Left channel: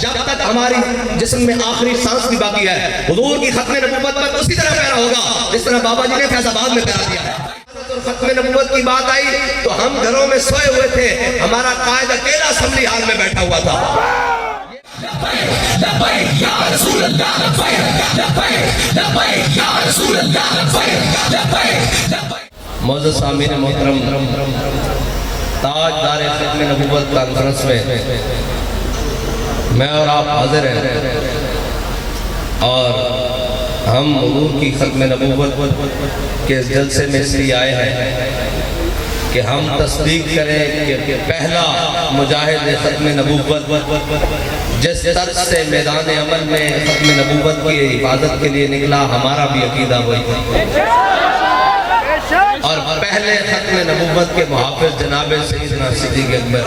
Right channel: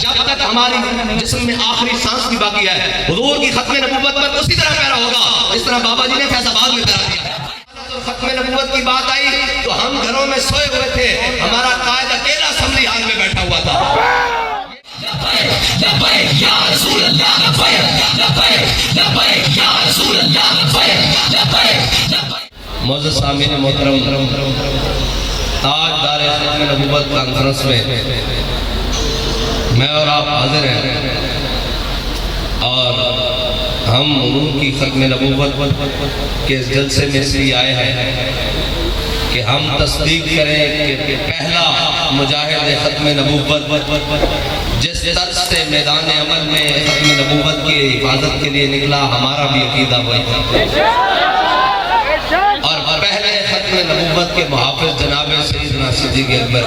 جب تک ہماری جسم میں آخری سانس بھی باقی ہے حضور کی ختم نبوت پر اسی طرح کہنا ہوگا جس طرح بابا جی نے فیض آباد میں کرا دیا. ختم نبوت کی بات آئی تو ہم گھروں میں سوئے ہوئے تھے, ہمارا قائد اکیلا اسمبلی ہال میں بیٹھا ہوا تھا. لبیک یا رسول اللہ, لبیک یا رسول اللہ, لبیک. معزز سامعین محترم, تاجدار ختم نبوت کانفرنس میں میں اور آپ حاضر ہیں اور ہم حضور کی ختم نبوت کے جلسے میں اس لیے آئے ہیں کہ ہم تصدیق کریں کہ پہلا مجاہد ختم نبوت جس طرح سے میدان عمل میں ختم نبوت کی حفاظت کے لیے نکلا, ہمارا بھی عقیدہ وہی تھا. اور پہلے ختم نبوت کے محافظ جناب سیدنا صدیق اکبر,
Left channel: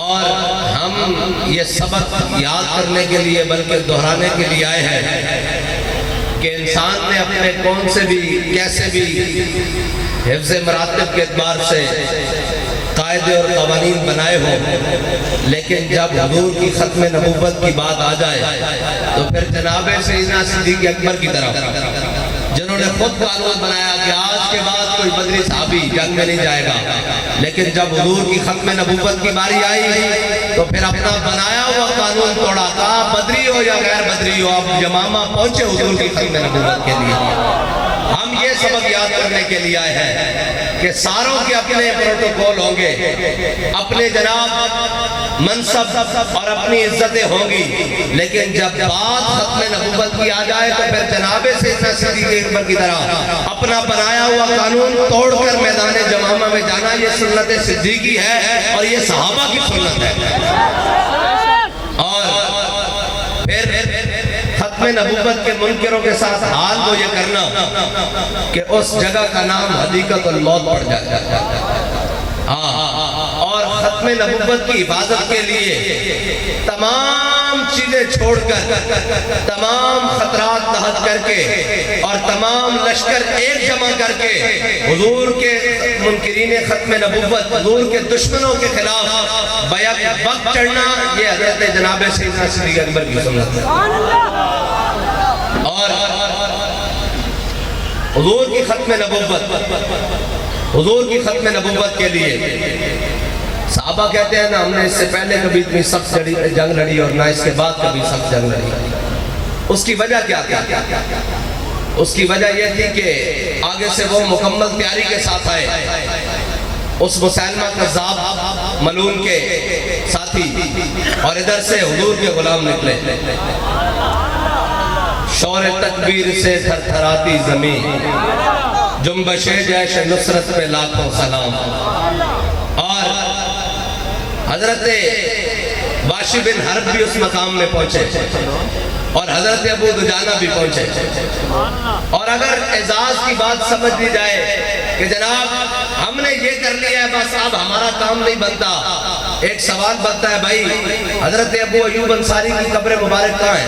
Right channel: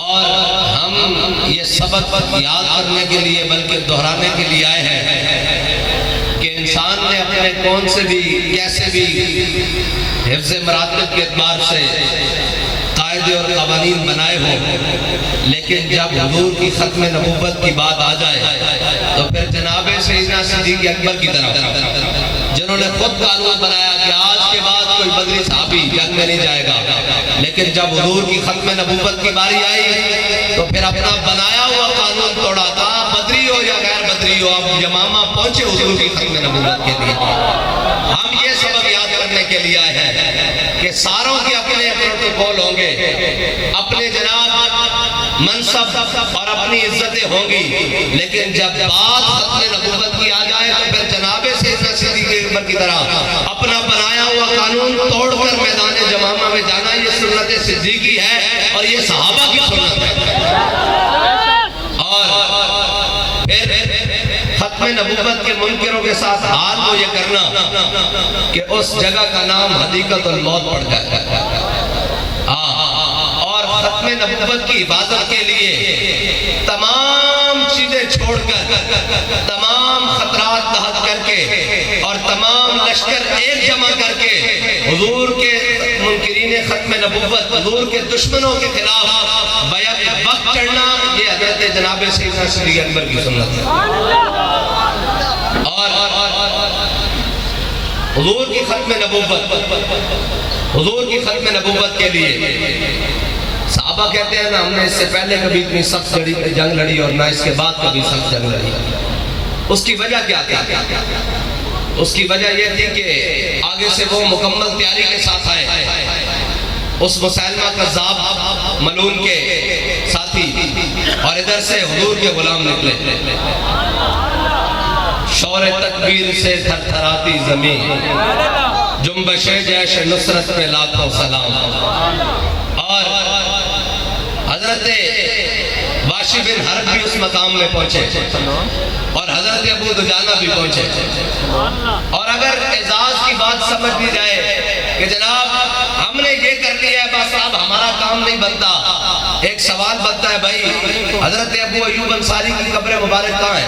اور ہم یہ سبق یاد کرنے کے لیے بلکہ دہرانے کے لیے آئے ہیں کہ انسان نے اپنے کون سے بھی کیسے بھی حفظ مراتب کے اعتبار سے قاعدے اور قوانین بنائے ہوں, لیکن جب حضور کی ختم نبوت کی بات آ جائے تو پھر جناب سیدنا صدیق اکبر کی طرف جنہوں نے خود قانون بنایا کہ آج کے بعد کوئی بدری صحابی جنگ میں نہیں جائے گا, لیکن جب حضور کی ختم نبوت کی باری آئی تو پھر اپنا بنایا ہوا قانون توڑا. کہا بدری ہو یا غیر بدری ہو, آپ یمامہ پہنچے حضور کی ختم نبوت کے لیے. ہم یہ سبق یاد کرنے کے لیے آئے ہیں کہ ساروں کے اپنے پروٹوکول ہوں گے, اپنے جناب منصب اور اپنی عزتیں ہوں گی, لیکن جب بات ختم نبوت کی آ جائے تو پھر جناب سیدنا صدیق اکبر کی طرح اپنا بنایا ہوا قانون توڑ کر میدان جمامہ میں جانا یہ سنت صدیقی ہے اور یہ صحابہ کی سنت ہے. اور پھر ختم نبوت کے منکروں کے ساتھ حال تو یہ کرنا کہ اس جگہ کا نام حدیقت الموت پڑ جائے, اور ختم نبوت کی حفاظت کے لیے تمام چیزیں چھوڑ کر, تمام خطرات لاحق کر کے اور تمام لشکر ایک جمع کر کے حضور کے منکرین ختم نبوت, حضور کے دشمنوں کے خلاف بیک وقت چڑھنا, یہ حضرت جناب سیدنا صدیق اکبر کی سنت ہے. اور حضور کی ختم نبوت, حضور کی ختم نبوت کے لیے صحابہ کہتے ہیں نا ہم نے اس سے پہلے کبھی اتنی سخت جنگ لڑی اور نہ اس کے بعد کبھی سخت جنگ لڑی. اس کی وجہ کیا تھی؟ اس کی وجہ یہ تھی کہ آگے سے وہ مکمل تیاری کے ساتھ آئے, اس مسلمہ کذاب ملعون کے ساتھی, اور ادھر سے حضور کے غلام نکلے. شور تکبیر سے تھر تھراتی زمین, جنبش جیش نصرت پہ لاکھوں سلام. اور حضرت باشی بن حرب بھی اس مقام میں پہنچے اور حضرت ابو دجانہ بھی پہنچے. اور اگر اعزاز کی بات سمجھ لی جائے کہ جناب ہم نے یہ کر لیا ہے بس اب ہمارا کام نہیں بنتا, ایک سوال بنتا ہے بھائی حضرت ابو ایوب انصاری کی قبر مبارک کہاں ہے؟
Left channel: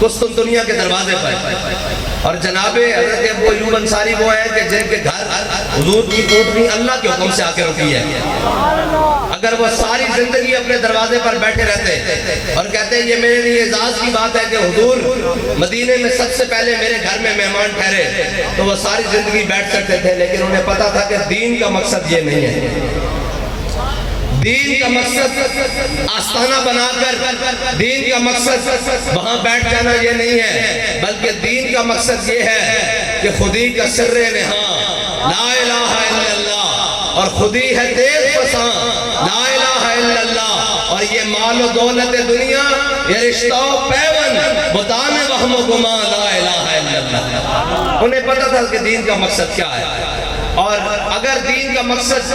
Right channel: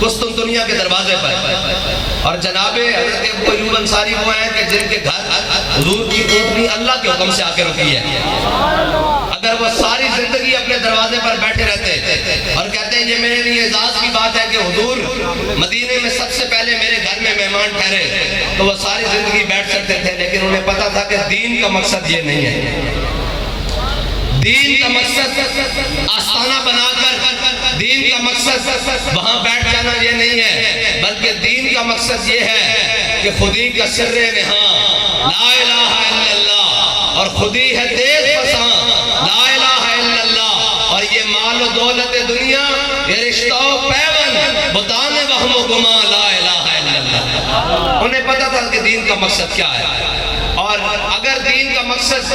قسطنطنیہ کے دروازے پر. اور جناب حضرت ابو ایوب انصاری وہ ہیں کہ جن کے گھر حضور کی اونٹنی اللہ کے حکم سے آ کے رکی ہے. اگر وہ ساری زندگی اپنے دروازے پر بیٹھے رہتے اور کہتے ہیں یہ میرے لیے اعزاز کی بات ہے کہ حضور مدینے میں سب سے پہلے میرے گھر میں مہمان ٹھہرے, تو وہ ساری زندگی بیٹھ سکتے تھے, لیکن انہیں پتا تھا کہ دین کا مقصد یہ نہیں ہے. دین کا مقصد آستانہ بنا کر, دین کا مقصد وہاں بیٹھ جانا یہ نہیں ہے, بلکہ دین کا مقصد یہ ہے کہ خودی کا سر نہاں لا الہ الا اللہ, اور خودی ہے تیز پساں لا الہ الا اللہ, اور یہ مال و دولت دنیا یہ رشتہ و پیون بتان وہم و گما لا الہ الا اللہ. انہیں پتا تھا کہ دین کا مقصد کیا ہے. اور اگر دین کا مقصد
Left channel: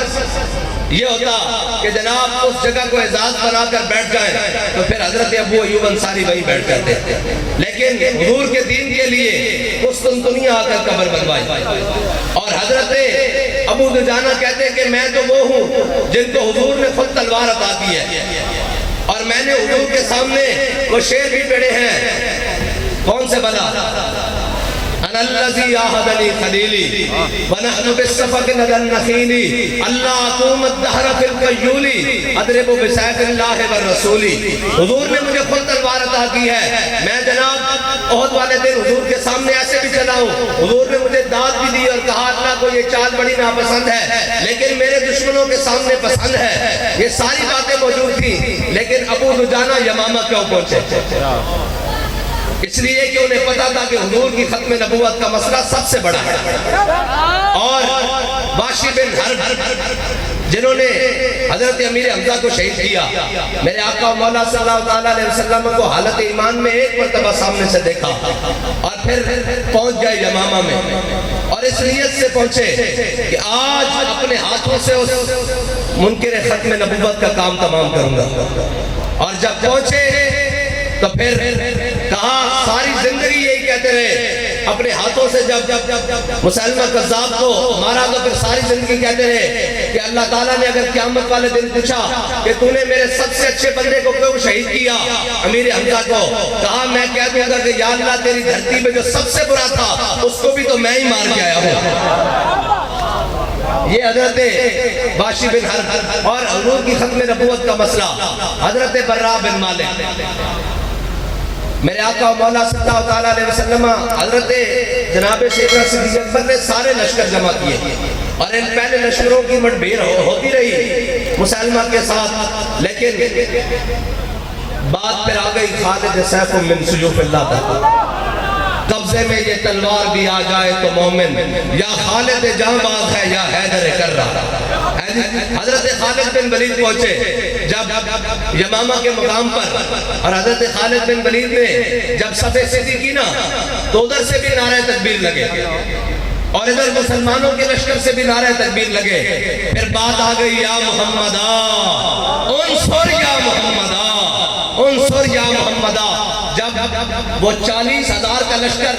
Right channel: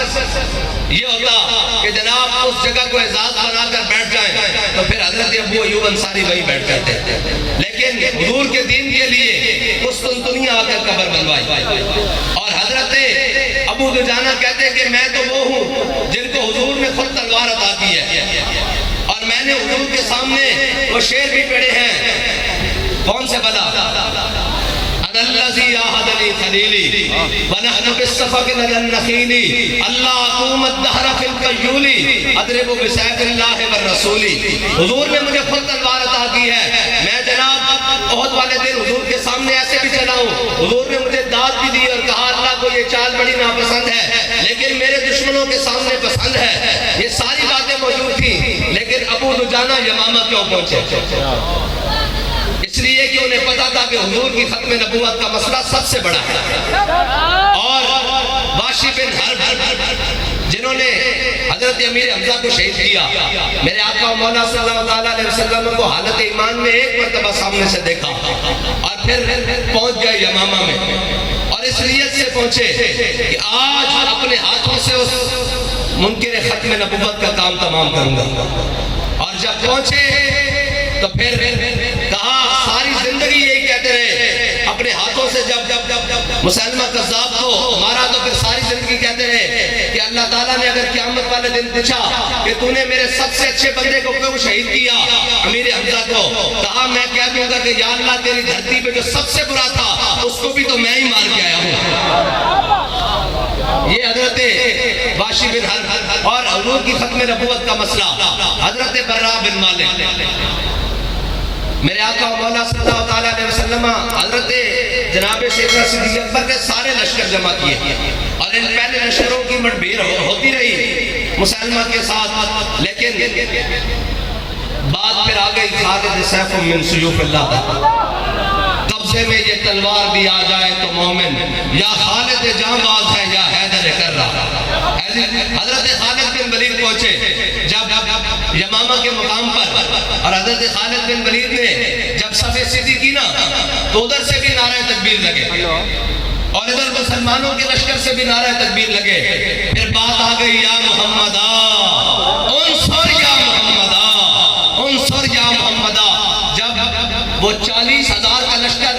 یہ ہوتا کہ جناب اس جگہ کو اعزاز بنا کر بیٹھ جائیں تو پھر حضرت ابو ایوب انصاری وہی بیٹھ کرتے, لیکن حضور کے دین کے لیے قسطنطنیہ آ کر قبر بنوائی. اور حضرت ابو دجانہ کہتے ہیں کہ میں تو وہ ہوں جن کو حضور نے خود تلوار عطا کی ہے, اور میں نے حضور کے سامنے وہ شعر بھی پڑھے ہیں. کون سے بلا الذي عاهدني خليلي ونحن بالصفق لدى النخيل اللہ اقوم الدہر فی القیول اضرب بسیف اللہ والرسول. حضور نے مجھے خود تلوار عطا کی ہے. میں جناب احد والے دن حضور کے سامنے ایسے بھی چلا ہوں. حضور نے مجھے داد بھی دی اور کہا اللہ کو یہ چال بڑی ناپسند ہے لیکن میرے دشمنوں کے سامنے پسند ہے. یہ ساری باتیں موجود تھیں لیکن ابو دجانہ یمامہ کیوں پہنچے؟ اس لیے کہ انہیں پتا تھا کہ حضور کی ختم نبوت کا مسئلہ سب سے بڑا ہے. اور واشی بن حرب جنہوں نے حضرت امیر حمزہ کو شہید کیا، میرے آقا مولا صلی اللہ علیہ وسلم کو حالت ایمان میں ایک مرتبہ سامنے سے دیکھا اور پھر پہنچ گئے یمامہ میں اور اس نیت سے پہنچے کہ آج اپنے ہاتھوں سے اس منکر ختم نبوت کا کام تمام کروں گا. اور جب پہنچے تو پھر کہا ساری زندگی یہی کہتے رہے. اپنے ہاتھوں سے جب مسلمہ کذاب کو مارا تو پھر ساری زندگی کہتے رہے کہ اللہ تعالیٰ نے اگر قیامت والے دن پوچھا کہ تو نے میرے سب سے اچھے بندے کو کیوں شہید کیا امیر حمزہ کو، کہا میں کہہ دوں گا کہ یا اللہ تیری دھرتی پہ جو سب سے برا تھا اس کو بھی تو میں ہی مار کے آیا ہوں. یہ حضرت واشی بن حرب اور حضور کی ختم نبوت کا مسئلہ. حضرت براء بن مالک میرے آقا مولا صلی اللہ علیہ وسلم حضرت جناب سیدنا صدیق اکبر نے سارے لشکر جمع کیے اور ان پہلے لشکروں کی مٹ بھیڑ ہوتی رہی مسلمہ کے ساتھ، لیکن بات پھر آ گئی خالد سیف من سیوف اللہ تک. قبضے میں یہ تلوار بھی آ جائے تو مومن یا خالد جاں باز ہے یا حیدر کر رہا. حضرت خالد بن ولید پہنچے جب یمامہ کے مقام پر اور حضرت خالد بن ولید نے جب صف سیدھی کی نا تو ادھر سے بھی نعرہ تکبیر لگے اور ادھر مسلمانوں کے لشکر سے بھی نعرہ تکبیر لگے. پھر بات آ گئی یا محمدہ انصر یا محمدہ انصر یا محمدہ. جب وہ 40,000 کا لشکر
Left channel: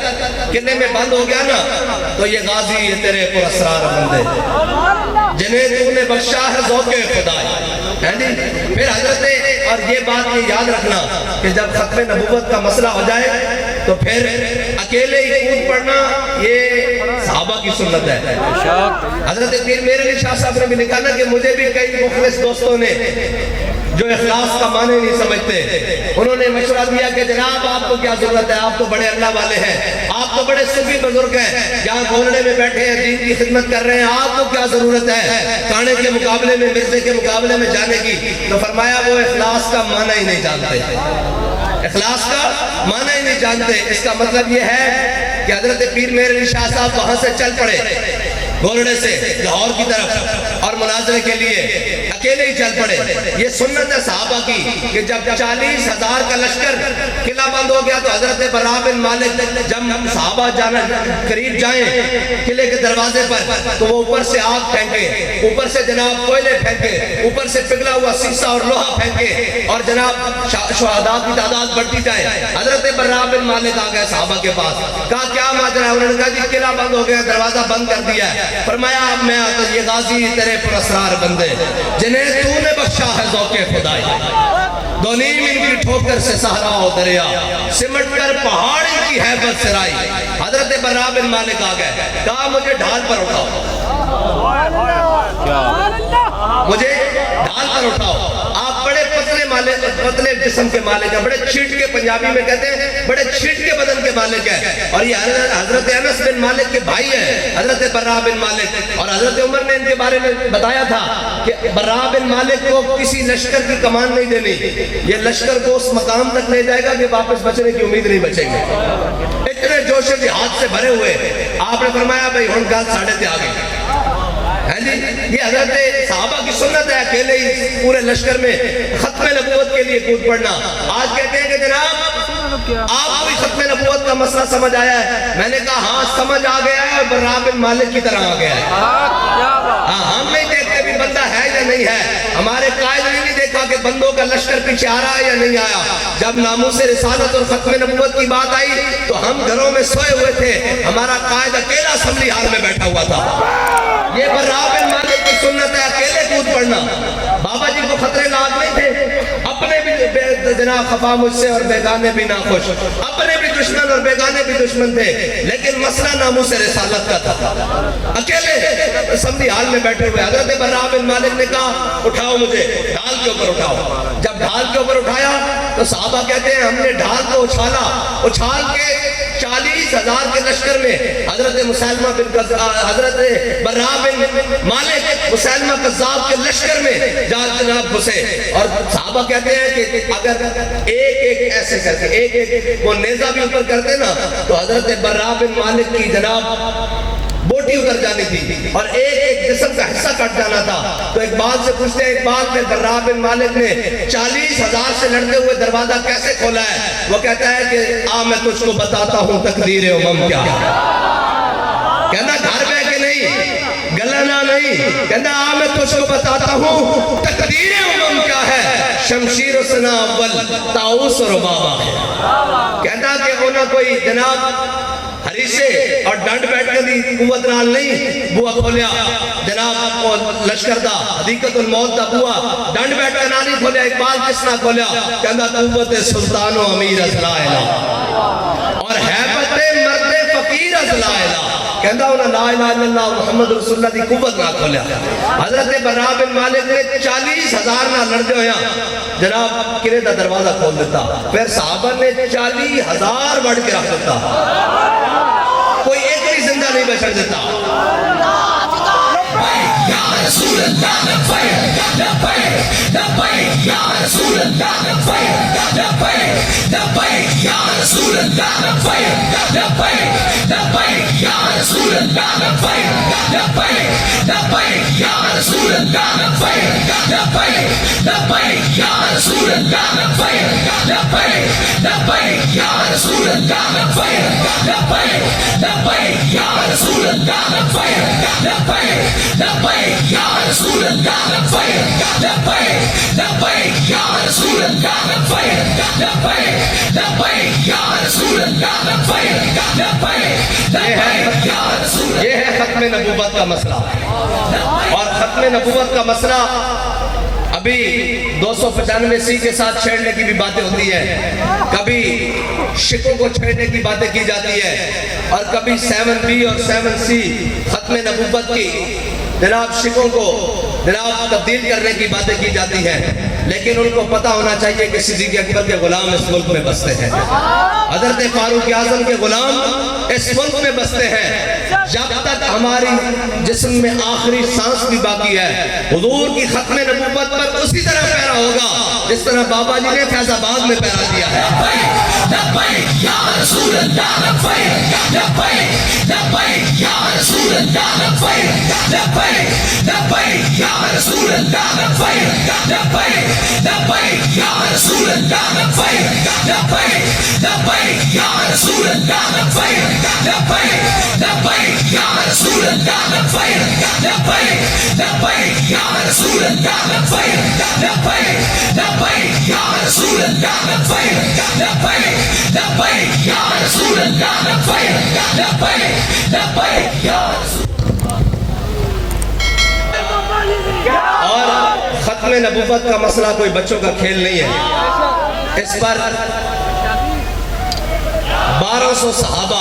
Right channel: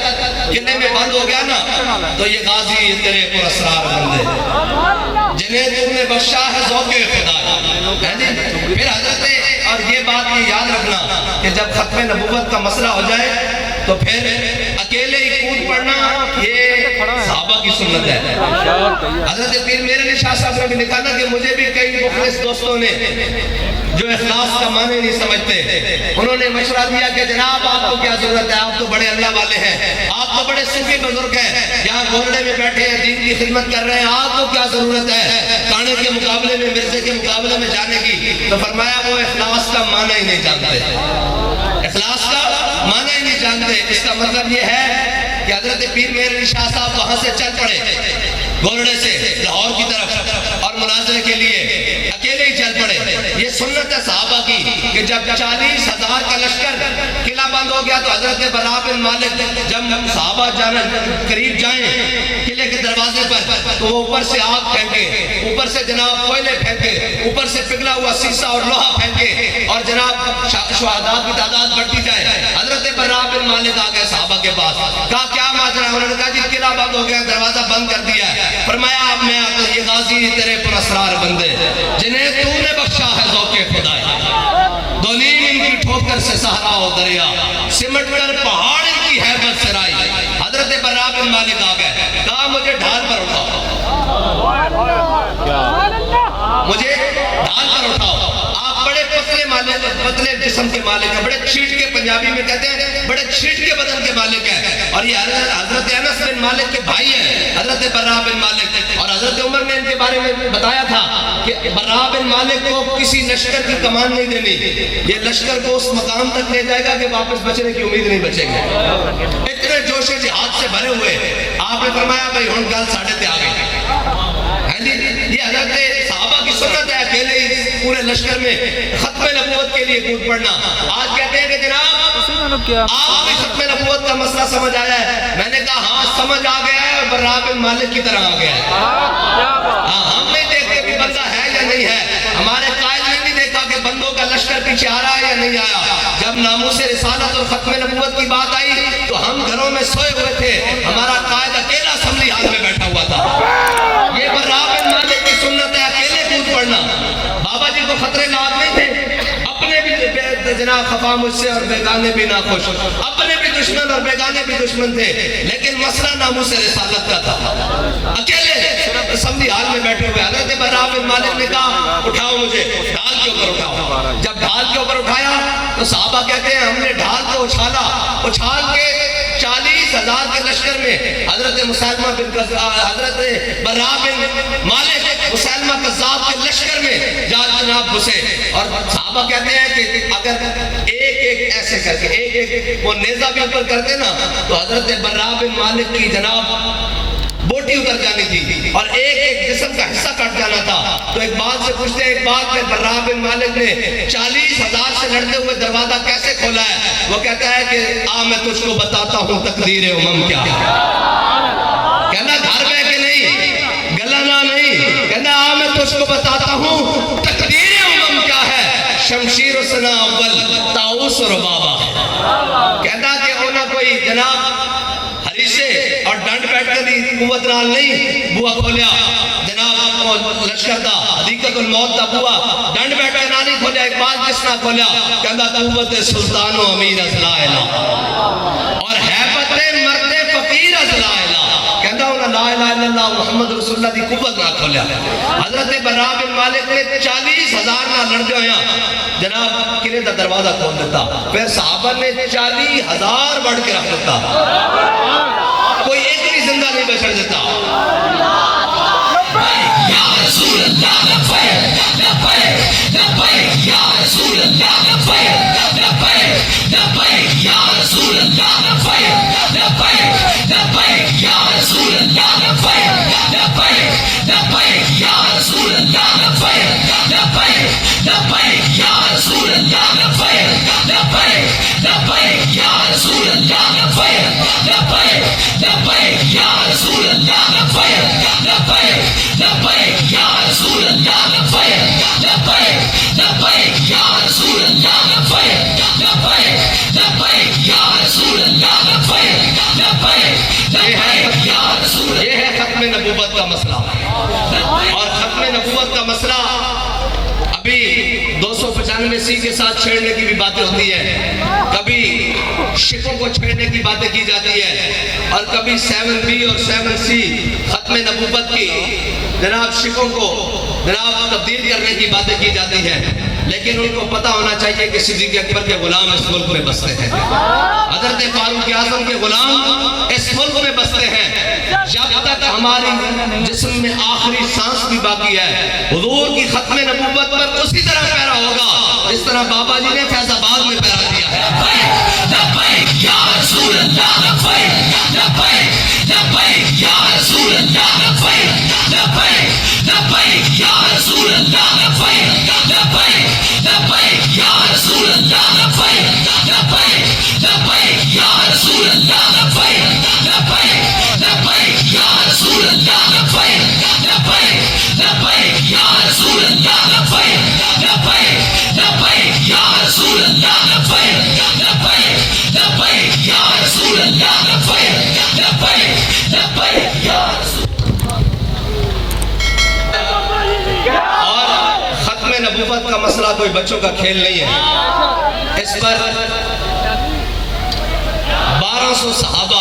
قلعے میں بند ہو گیا نا تو یہ غازی یہ تیرے پر اسرار بندے جنہیں تو نے بخشا ہے ذوق خدا. پھر حضرت اور یہ بات یہ یاد رکھنا کہ جب ختم نبوت کا مسئلہ ہو جائے تو پھر اکیلے ہی کود پڑنا یہ صحابہ کی سنت ہے. حضرت پیر میرے شاہ صاحب نے بھی لکھا نا کہ مجھے بھی کئی مخلص دوستوں نے جو اخلاص کا معنی نہیں سمجھتے انہوں نے مشورہ دیا کہ جناب آپ کو کیا ضرورت ہے، آپ تو بڑے اللہ والے ہیں، آپ تو بڑے صوفی بزرگ ہیں، یہاں گھوڑے میں بیٹھے ہیں دین کی خدمت کر رہے ہیں، آپ کو کیا ضرورت ہے کانے کے مقابلے میں مرزے کے مقابلے میں جانے کی. تو فرمایا وہ اخلاص کا معنی ہی نہیں جانتے، اخلاص کا معنی ہی نہیں جانتے. اس کا مطلب یہ ہے کہ حضرت پیر مہر علی شاہ صاحب وہاں سے چل پڑے گولڑے سے لاہور کی طرف اور مناظرے کے لیے اکیلے ہی چل پڑے. یہ سنت ہے صحابہ کی کہ جب 40,000 کا لشکر قلعہ بند ہو گیا تو حضرت براء بن مالک جب صحابہ جانا قریب جائیں قلعے کے دروازے پر تو وہ اوپر سے آگ پھینکے، اوپر سے جناب کوئلے پھینکے، اوپر سے پگھلا ہوا سیسا اور لوہا پھینکے اور جناب شہداء کی تعداد بڑھتی جائے. حضرت براء بن مالک آ گئے صحابہ کے پاس، کہا کیا ماجرا؟ انہوں نے کہا جی قلعہ بند ہو گیا، دروازہ بند کر دیا ہے. فرمایا اب میں یہ غازی تیرے پر اسرار بندے جنہیں تو نے بخشا ہے ذوق خدائی. دو نیم ان کی ٹھوکر سے صحرا و دریا سمٹ کر پہاڑ ان کی حیبت سرائی. حضرت براء بن مالک آ گئے، کہا مجھے ڈھال پر اٹھاؤ، مجھے ڈھال پر اٹھاؤ. آپ بڑے پتلے جسم کے مالک ہیں، بڑے چھیٹ کے پنجابی میں کہتے ہیں بڑے چھیٹ کے بدن کے مالک ہیں. اور یہ حضرت انس بن مالک کے بھائی ہیں حضرت براء بن مالک. اور حضرت عمر نے ان کے بارے میں بتایا تھا کہ براء بن مالک کو کسی لشکر کی کمان نہیں دینی، یہ لشکر کو اس مقام تک لے جائے گا کہ واپس بچنے کی امید نہیں بچیں گے. اتنے جوش جہاد سے بھرے ہوئے آپ نے فرمایا بھائی ہن گل ساڑھے تے آ گئی. یہ حضرت صحابہ کی سنت ہے اکیلے ہی پورے لشکر میں ختم نبوت کے لیے کود پڑنا. آج کہتے ہیں کہ جناب آپ کو ختم نبوت کا مسئلہ سمجھ آیا ہے. میں نے کہا ہاں سمجھ آ گیا ہے اور براء بن مالک کی طرح آ گیا ہے. ہم نہیں دیکھتے بھی بندہ ہے یا نہیں ہے، ہمارے قائد نے نہیں دیکھا کہ بندوں کا لشکر پیچھے آ رہا ہے یا نہیں آیا. جب ناموس رسالت اور ختم نبوت کی بات آئی تو ہم گھروں میں سوئے ہوئے تھے، ہمارا قائد اکیلا اسمبلی ہال میں بیٹھا ہوا تھا. یہ براء بن مالک کی سنت ہے اکیلے کود پڑنا. بابا جی کو خطرے ناک نہیں تھے، اپنے بھی جناب خفا مجھ سے اور بیگانے بھی ناخوش. اپنے بھی دشمن اور بیگانے بھی دشمن تھے, لیکن مسئلہ ناموس رسالت کا تھا. اکیلے اسمبلی ہال میں بیٹھے ہوئے حضرت براء بن مالک نے کہا اٹھاؤ مجھے, ڈھال کے اوپر اٹھاؤ. جب ڈھال کے اوپر اٹھایا تو صحابہ کہتے ہیں ہم نے ڈھال کو اچھالا, اچھال کے 40,000 کے لشکر میں حضرت مسلمہ بن حضرت براء بن مالک مسلمہ کذاب کے لشکر میں جناب گھسے. اور صحابہ کہتے ہیں کہ اگر ایک ایسے کر کے ایک وہ نیزہ بھی اوپر کرتے نا تو حضرت براء بن مالک کی جناب بوٹی اتر جانی تھی اور ایک جسم کا حصہ کٹ جانا تھا. تو اقبال سے پوچھتے ہیں, اقبال میں براء بن مالک نے 40,000 سے لڑتے ہوئے دروازہ کیسے کھولا ہے؟ وہ کہتا ہے کہ میں تجھ کو بتاتا ہوں تقدیر امم کیا ہے. کہنا گھر میں کہ نہیں, گلانا نہیں, کہنا میں تجھ کو بتاتا ہوں تقدیر امم کیا ہے. شمشیر و سنا اول طاؤس و ربابہ ہے. کہتا کہ انہوں کوئی جناب ہریشے اور ڈنڈ بیٹھ کے دی قوت نال نہیں بوا کھولیا جناب لشکر دا حدیقت الموت دا بوا ڈنڈ بیٹھ کے نہ نہیں کھولیا. اقبال جس نہ کھولیا کہندا قوت سلطان و امیر از لا الہ اور حیبت مرد فقیر از لا الہ. کہندا انہاں لا الہ الا اللہ محمد رسول اللہ دی قوت نہ کھولیا. حضرت براء بن مالک نے 40,000 نہ لڑ دے ہویا جناب قلعے دا دروازہ کھول دیتا. پھر صحابہ نے 40,000 بڑھ کے رکھ دیتا, کوئی ایک بھی زندہ نہیں بچڑ دیتا. یا رسول اللہ لبیک لبیک لبیک یا رسول اللہ لبیک لبیک لبیک یا رسول اللہ لبیک لبیک لبیک یا رسول اللہ لبیک لبیک لبیک یا رسول اللہ لبیک لبیک لبیک یا رسول اللہ لبیک لبیک لبیک یا رسول اللہ لبیک لبیک لبیک یا رسول اللہ لبیک لبیک لبیک یا رسول اللہ لبیک لبیک لبیک یا رسول اللہ لبیک لبیک لبیک یا رسول اللہ لبیک لبیک لبیک یا رسول. یہ ہے ختم نبوت کا مسئلہ. اور ختم نبوت کا مسئلہ ابھی 295 کے ساتھ چھیڑنے کی بھی باتیں ہوتی ہیں, کبھی شکوں کو چھیڑنے کی باتیں کی جاتی ہے, اور کبھی 7B اور 7C ختم نبوت کی جناب شکوں کو جناب تبدیل کرنے کی باتیں کی جاتی ہیں. لیکن ان کو پتہ ہونا چاہیے کہ صدیق اکبر کے غلام اس ملک میں بستے ہیں, حضرت فاروق اعظم کے غلام اس ملک میں بستے ہیں. جب تک ہماری جسم میں آخری سانس بھی باقی ہے حضور کی ختم نبوت پر اسی طرح پیرا ہوگا جس طرح بابا جی نے فیض آباد میں پیرا دیا ہے. لبیک یا رسول اللہ لبیک لبیک لبیک یا رسول اللہ لبیک لبیک لبیک یا رسول اللہ لبیک لبیک لبیک یا رسول اللہ لبیک لبیک لبیک یا رسول اللہ لبیک لبیک لبیک یا رسول اللہ لبیک لبیک لبیک یا رسول اللہ لبیک لبیک لبیک یا رسول اللہ لبیک لبیک لبیک یا رسول اللہ لبیک لبیک لبیک یا رسول. اور ختم نبوت کا مسئلہ کوئی بچوں کا کھیل نہیں ہے. اس پر 1200 صحابہ